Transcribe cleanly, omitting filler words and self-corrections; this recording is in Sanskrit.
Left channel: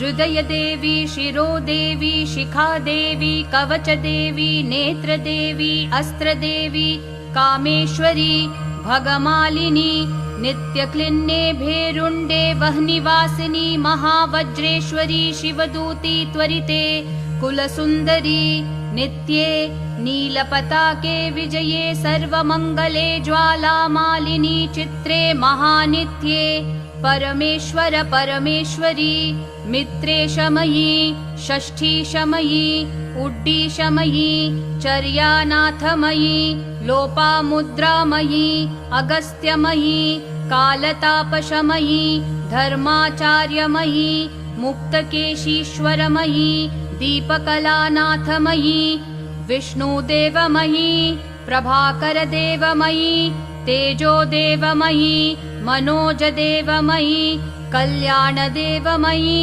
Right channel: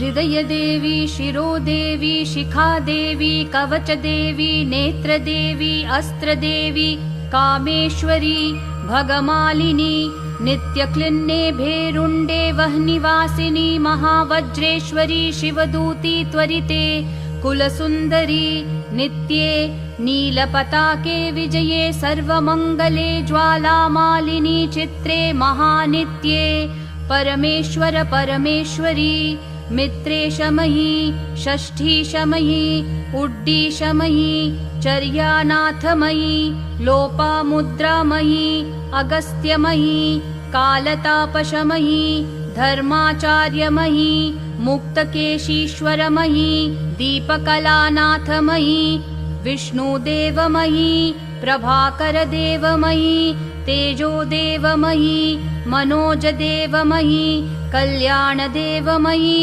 हृदय देवी, शिरो देवी, शिखा देवी, कवच देवी, नेत्र देवी, अस्त्र देवी, कामेश्वरी, भगमालिनी, नित्यक्लिन्ने भेरुण्डे वह्निवासिनी, महावज्रेश्वरी, शिवदूती त्वरिते, कुलसुन्दरी, नित्ये, नीलपताके विजये, सर्वमङ्गले, ज्वालामालिनी, चित्रे, महानित्ये, परमेश्वर परमेश्वरी, मित्रे शमयी, षष्ठी शमयी, उड्डी शमयी, चर्यानाथमयी, लोपामुद्रामयी, अगस्त्यमयी, कालतापशमयी, धर्माचार्यमयी, मुक्तकेशीश्वरमयी, दीपकलानाथमयी, विष्णुदेवमयी, प्रभाकरदेवमयी, तेजोदेवमयी, मनोजदेवमयी, कल्याणदेवमयी।